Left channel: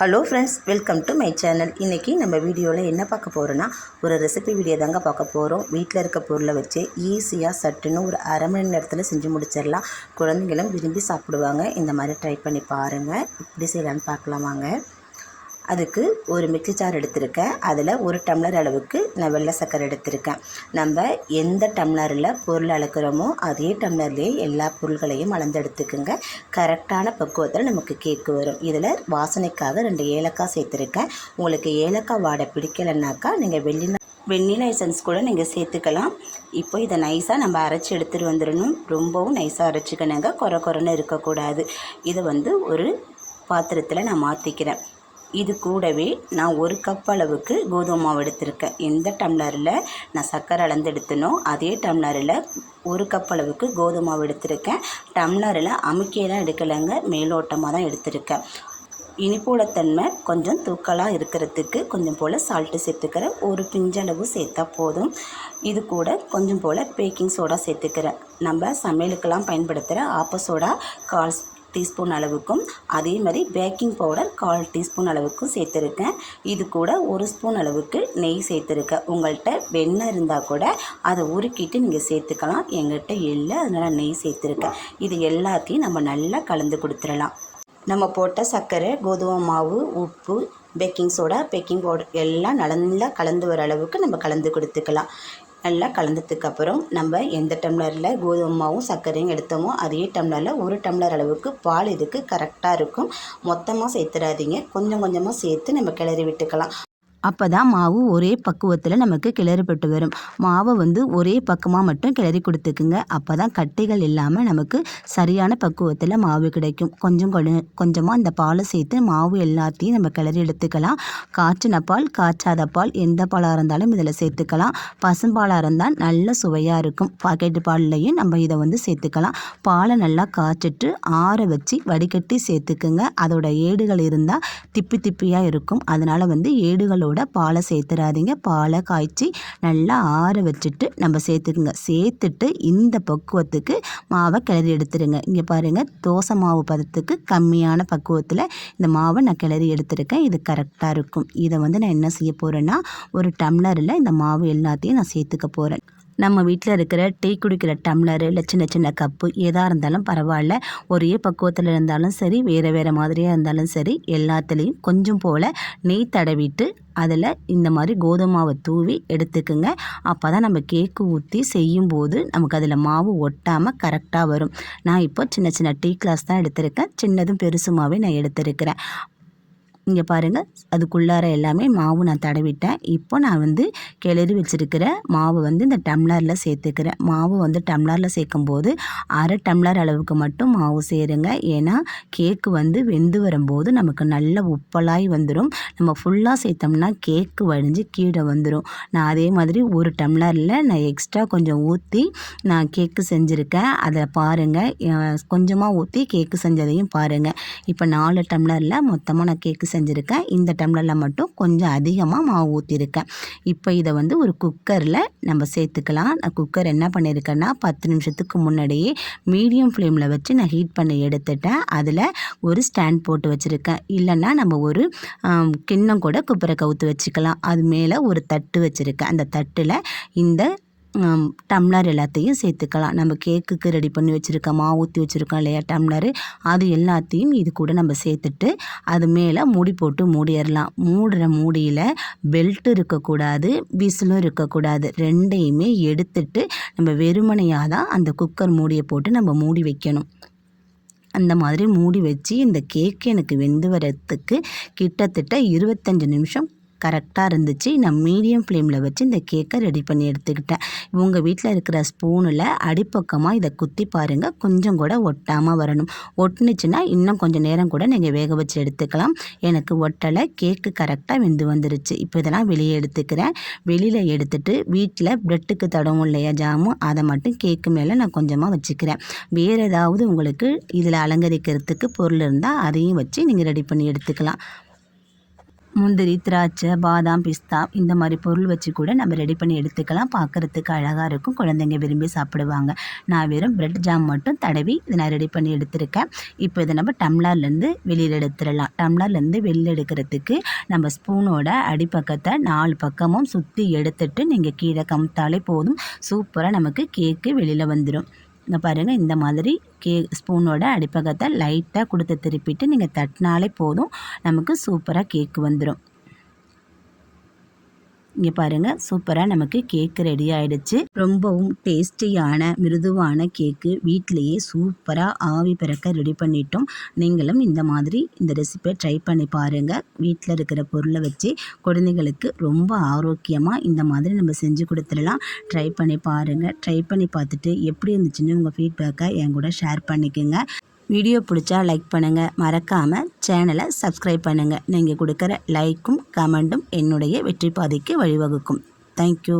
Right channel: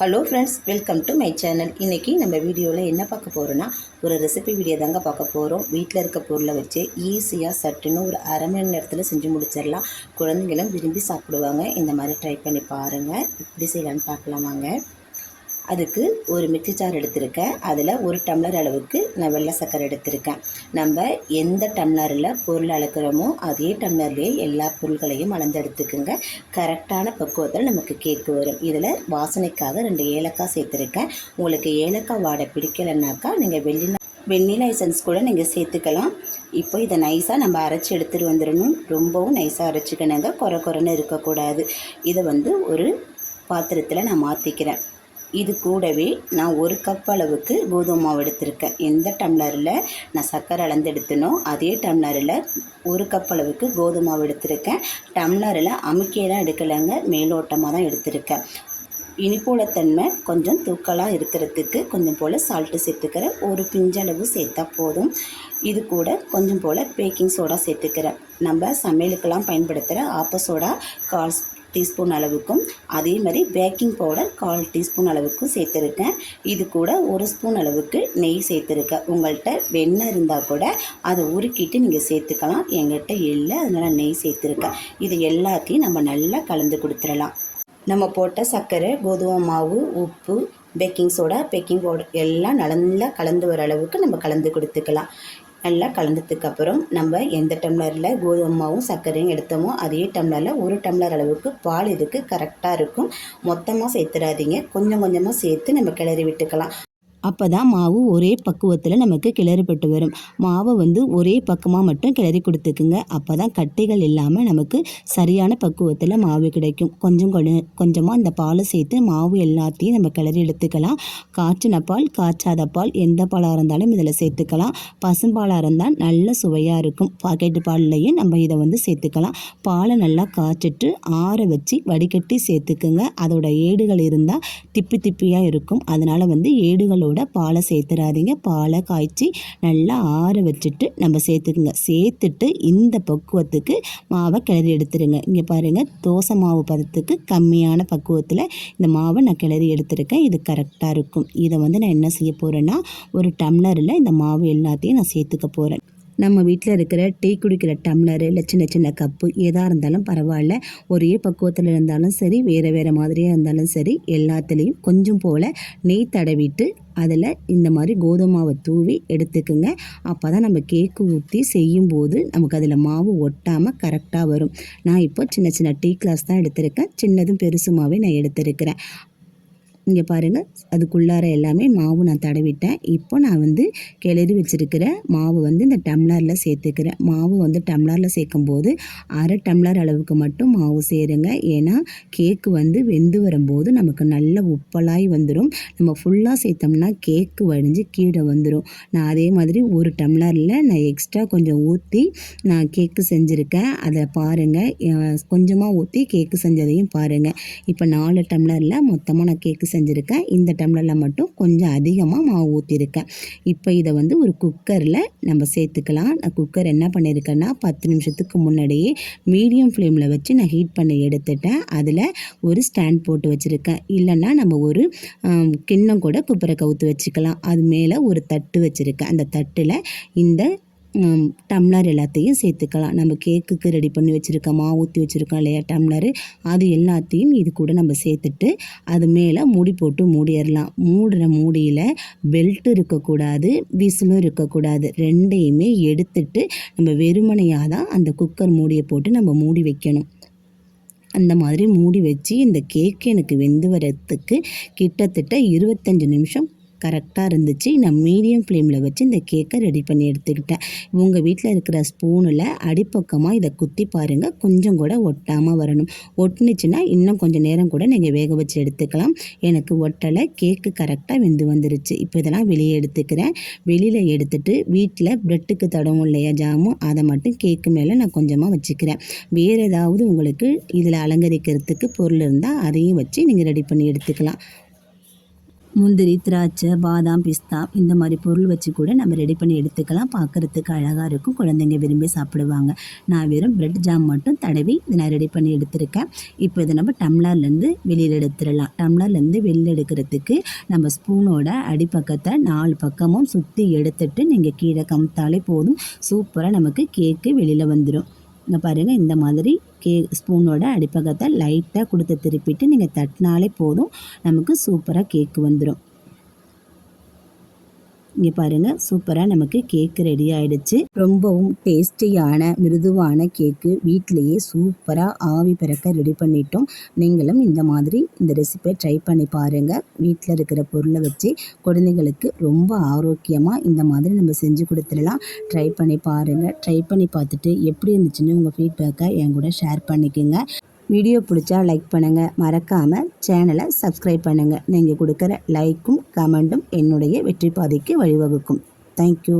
Hello friends welcome to my channel. இன்றைக்கி நம்ம வீடியோவில் என்ன பார்க்க போகிறோன்னா ஒரு ரெசிபி வீடியோ தாங்க பார்க்க போகிறோம் வீட்டில் இருக்க பொருளை வச்சு ஈஸியாக சட்டுன்னு ஒரு அரை மணி நேரத்தில் செஞ்சு முடிச்சிடலாம். குழந்தைங்களும் விரும்பி சாப்பிடுவாங்க. இந்த மாதிரி ட்ரை பண்ணி பாருங்கள் இப்படி செய்யலான்னு பார்க்கலாம் வாங்க. அதுக்கு ஒரு மிக்சி ஜார் எடுத்திருக்கேன். அதில் ஒரு டம்ளர் அளவுக்கு நான் வெள்ளை சக்கரை எடுத்திருக்கேன். நம்ம எந்த டம்ளரில் பொருள் அளக்கிறோமோ அதே டம்ளர்லேயே எல்லா பொருள்களையும் அளந்து எடுத்துக்கோங்க கரெக்டான பக்குவத்தில் நமக்கு கேக்கு வரும். இதில் வாசனைக்காக ரெண்டு ஏலக்காய் சேர்த்துருக்கேன். உங்களுக்கு ஏலக்காய் வாடை பிடிக்கலைன்னாக்கா நீங்கள் வெள்ளி வெண்ணிலா எசன்ஸ் கூட நீங்கள் சேர்த்துக்கலாம். இப்போ இதை நைஸாக நம்ம அரைச்சி எடுத்துகிட்டு வந்துடணும். ரொம்பவும் நைஸாக அரைச்சிக்கணுங்க. குறை குறைன்னு இருக்கக்கூடாது. இதை வந்து ஒரு பாத்திரத்தில் நான் மாற்றிக்கிறேன். இது கூடவே நான் ஒரு கப் அளவுக்கு கோதுமை மாவு எடுத்திருக்கேன். எந்த டம்ளரில் நான் சர்க்கரை அளந்து எடுத்தனோ அதே டம்ளரில் ஒரு கப் அளவுக்கு கோதுமை மாவு எடுத்திருக்கேன். டம்ளரில் அமுக்கியெல்லாம் எடுக்கலைங்க மேலோட்டமாக தான் எடுத்திருக்கேன். இனிப்போட தன்மை கொஞ்சம் தூக்கலாக இருக்கிறதுக்கு கொஞ்சம் போல் சால்ட்டு சேர்த்துக்கிறேன் ஒரு பிஞ்சளவு சேர்த்தா போதும். இது கூட கொஞ்சம் போல் பேக்கிங் சோடா சேர்த்துக்கிறேன். நம்ம சமையலுக்கெல்லாம் பயன்படுத்துகிற ஆப்ப சோடா கால் டீஸ்பூன் அளவுக்கும் அதே மாதிரி பேக்கிங் பவுடர் கால் டீஸ்பூன் அளவுக்கும் சேர்த்துருக்கேன். இது கூட ஒரு ஸ்பூன் அளவுக்கு நெய் சேர்த்துருக்கேன். உங்கள்கிட்ட வெண்ணெய் இருந்தால் கூட அதை உருக்கிட்டு நீங்கள் சேர்த்துக்கலாம். எங்கிட்ட இல்லை அதனால் நெய் சேர்த்துருக்கேன். இது எல்லாத்தையும் நம்ம நல்லா கலந்து கொடுத்துடலாம். நம்ம போட்ட சர்க்கரை கோதுமை மாவு உப்பு பேக்கிங் சோடா பேக்கிங் பவுடர் எல்லாம் நல்லா கலந்து வர அளவுக்கு நம்ம கலந்து கொடுத்துக்கலாம். நல்லா கலந்ததுக்கு அப்புறம் நம்ம எந்த டம்ளரில் கோதுமை மாவும் சர்க்கரையும் எடுத்தோமோ அதே டம்ளரில் ஒரு டம்ளர் அளவுக்கு பால் இதுக்கு கரெக்டாக இருக்கும். மொத்தமாக சேர்த்துடாதீங்க கொஞ்சம் கொஞ்சமாக சேர்த்து நம்ம கிளறி விட்டுக்கலாம். அப்போ தான் மாவு ஒரே பக்குவத்தில் நமக்கு கிளறிப்பட்டு வரும். மாவை வந்து ஒரே பக்கமாக மட்டும் கிளறி கொடுத்துக்குங்க. அப்போ தான் கட்டிகள் இல்லாமல் நமக்கு சரியான பக்குவத்தில் மாவு கிடைக்கும். கொஞ்சம் கொஞ்சமாக இந்த பாலை சேர்த்து மாவு எல்லாத்தையும் நம்ம கிளறி எடுத்துக்கலாம். காய்ச்சின பால் காய்ச்சாத பால் எந்த பாலாக இருந்தாலும் இதில் சேர்த்துக்கலாம். பசும்பாலாக இருந்தால் நல்ல சுவையாக இருக்கும். பாக்கெட்டு பால்லையும் நம்ம இதை வந்து சேர்த்துக்கலாம். பாலை நல்லா காய்ச்சிட்டு ஆற வச்சு வடிகட்டி சேர்த்துக்குங்க. அதோட ஏடுகள் இருந்தால் திப்பி திப்பியாக இருக்கும். அதனால் வந்து ஏடுகளோட கூட பாலை சேர்த்துறாதீங்க. பாலை காய்ச்சி நல்லா ஆற வச்சுட்டு நம்ம சேர்த்துக்குங்க. சேர்த்துட்டு இந்த பக்குவத்துக்கு மாவை கிளறி எடுத்துருங்க. இங்கே பாருங்கள் தோசை மாவு பதத்துக்கு கம்மியான பக்குவத்தில் இந்த மாவை நான் கிளறி எடுத்துருக்கேன். இது கரெக்டாக இருக்கும். இதை வந்து நான் என்ன செய்ய போகிறேன்னா ஒரு டம்ளரில் இந்த மாவு எல்லாத்தையும் நான் சேர்த்துக்க போகிறேன் நம்ம வீட்டில் இருக்கிற டீ குடிக்கிற டம்ளரு இல்லை சின்ன சின்ன கப்பு எதாக இருந்தாலும் பரவாயில்ல. ஒரே பக்குவத்தில் இருந்தாலும் சரி வேறு வேறு மாதிரியாக இருந்தாலும் சரி எல்லாத்துலேயும் கொஞ்சம் போல் நெய் தடவிட்டு அதில் இந்த மாதிரி கோதுமை மாவை தூவி எடுத்துக்குங்க. அப்போ தான் நம்ம கேக்கு ஊற்றி செய்யும்போது நமக்கு அதில் மாவு ஒட்டாமல் கரெக்டாக வரும். நான் இப்போ சின்ன சின்ன டீ கிளாஸ் தான் எடுத்திருக்கேன். சின்னதும் பெருசுமாவே நான் எடுத்திருக்கிறேன். இங்கே பாருங்கள் அதுக்குள்ளார எல்லாமே மாவு நான் தடவிட்டேன். இப்போ நான் வந்து கிளறி வச்சுருக்கிற மாவு வந்து இந்த டம்ளரில் சேர்த்துக்கிறேன். மாவு வந்து டம்ளரில் சேர்க்கும்போது அரை டம்ளர் அளவுக்கு மட்டும் மாவு சேருங்க. ஏன்னா கேக்கு வந்து வெந்து வரும்போது நமக்கு நல்ல உப்பலாய் வந்துடும் நம்ம ஃபுல்லாக சேர்த்தோம்னா கேக்கு வடிஞ்சு கீழே வந்துடும் நான் அதே மாதிரி ஒரு டம்ளரில் நான் எக்ஸ்ட்ரா கொஞ்சம் ஊற்றி நான் கேக்கு செஞ்சுருக்கேன். அதை பாருங்கள் கொஞ்சமாக ஊற்றி கேக்கு செஞ்சதையும் பாருங்கள் இப்போ நாலு டம்ளரில் மொத்தமாக நான் கேக்கு செஞ்சுருக்கேன். இந்த டம்ளரில் மட்டும் கொஞ்சம் அதிகமாக மாவு ஊற்றிருக்கேன் இப்போ இதை வந்து ஒரு குக்கரில் நம்ம சேர்த்துக்கலாம். நான் குக்கர் என்ன பண்ணியிருக்கேன்னா பத்து நிமிஷத்துக்கு முன்னாடியே மீடியம் ஃப்ளேமில் வச்சு நான் ஹீட் பண்ணி எடுத்துட்டேன். அதில் ஒரு ஸ்டாண்ட் போட்டு வச்சுருக்கேன். இல்லைன்னா நம்ம ஒரு கிண்ணம் கூட குப்பரை கவுத்து வச்சுக்கலாம். அது மேலே ஒரு தட்டு வச்சுருக்கேன். அந்த தட்டில் இந்த டம்ளர் எல்லாத்தையும் சேர்த்துக்கலாம். நம்ம கேக்குக்கு ரெடி பண்ணி வச்சுருக்க மாவு ஊற்றி வச்சுருக்கோம் இல்லையா டம்ளரு? அது எல்லாத்தையும் இது கூட நம்ம சேர்த்துட்டு அது மேலே மூடி போட்டு மூடிடலாம். மூடுற மூடியில் பெல்ட் இருக்கக்கூடாது விசிலும் இருக்கக்கூடாது. ரெண்டையுமே எடுத்துட்டு நம்ம வெறுமனையாக தான் அந்த குக்கர் மூடியை போட்டு நம்ம மூடி வைக்கணும். அந்த மாதிரி மூடி வச்சு இந்த கேக்கு எனக்கு வெந்து வரத்துக்கு கிட்டத்தட்ட இருபத்தஞ்சி நிமிஷம் கரெக்டாக இருந்துச்சு. நான் மீடியம் ஃப்ளேமில் வச்சு இந்த கேக்கை ரெடி பண்ணி எடுத்துக்கிட்டேன். உங்கள் வீட்டில் இருக்கிற ஸ்பூனில் அடிப்பக்கமாக இதை குத்தி பாருங்கள் கொஞ்சம் கூட ஒட்டாமல் வரணும். ஒட்டுனுச்சுன்னா இன்னும் கொஞ்சம் நேரம் கூட நீங்கள் வேக வச்சு எடுத்துக்கலாம். எனக்கு ஒட்டலை கேக்கு கரெக்டாக வெந்து வந்துருச்சு. இப்போ இதெல்லாம் வெளியே எடுத்துக்கிறேன். வெளியில் எடுத்துட்டு வீட்டில் ப்ரெட்டுக்கு தடவும் இல்லையா ஜாமும் அதை மட்டும் கேக்கு மேலே நான் கொஞ்சமாக வச்சுக்கிறேன். வேறு ஏதாவது உங்களுக்கு இதில் அலங்கரிக்கிறதுக்கு பொருள் இருந்தால் அதையும் வச்சு நீங்கள் ரெடி பண்ணி எடுத்துக்கலாம். முந்திரி திராட்சை பாதாம் பிஸ்தா இந்த மாதிரி பொருள் வச்சு கூட நம்ம ரெடி பண்ணி எடுத்துக்கலாம். பார்க்குறதுக்கு அழகாக இருக்கும். குழந்தைங்க விரும்பி சாப்பிடுவாங்க. நான் வெறும் பிரெட் ஜாம் மட்டும் தடவி இதை நான் ரெடி பண்ணி எடுத்திருக்கேன். இப்போ இதை நம்ம டம்ளர்லேருந்து வெளியில் எடுத்துடலாம். டம்ளர்லேருந்து வெளியில் எடுக்கிறதுக்கு நம்ம ஸ்பூனோட அடிப்பக்கத்தை நாலு பக்கமும் சுற்றி எடுத்துட்டு நீங்கள் கீழே கமுத்தாலே போதும். சூப்பராக நமக்கு கேக்கு வெளியில் வந்துடும் இங்கே பாருங்கள் இந்த மாதிரி கே ஸ்பூனோட அடிப்பக்கத்தை லைட்டாக கொடுத்து திருப்பிட்டு நீங்கள் தட்டினாலே போதும். நமக்கு சூப்பராக கேக்கு வந்துடும் இங்கே பாருங்கள் சூப்பராக நமக்கு கேக்கு ரெடி ஆயிடுச்சு. ரொம்பவும் டேஸ்டியான மிருதுவான கேக்கு வீட்டிலையே சூப்பராக ஆவி பிறக்க ரெடி பண்ணிட்டோம். நீங்களும் இந்த மாதிரி இந்த ரெசிபியை ட்ரை பண்ணி பாருங்கள் வீட்டில் இருக்கிற பொருளை வச்சு குழந்தைங்களுக்கு ரொம்ப ஆரோக்கியமாக இந்த மாதிரி நம்ம செஞ்சு கொடுத்துடலாம். ட்ரை பண்ணி பாருங்கள் ட்ரை பண்ணி பார்த்துட்டு எப்படி இருந்துச்சுன்னு உங்கள் ஃபீட்பேக்கை என் கூட ஷேர் பண்ணிக்கோங்க. வீடியோ பிடிச்சா லைக் பண்ணுங்கள் மறக்காமல் சேனலை சப்ஸ்கிரைப் பண்ணுங்கள் நீங்கள் கொடுக்குற லைக்கும் கமெண்ட்டும் என்னுடைய வெற்றி பாதைக்கு வழிவகுக்கும். தேங்க்யூ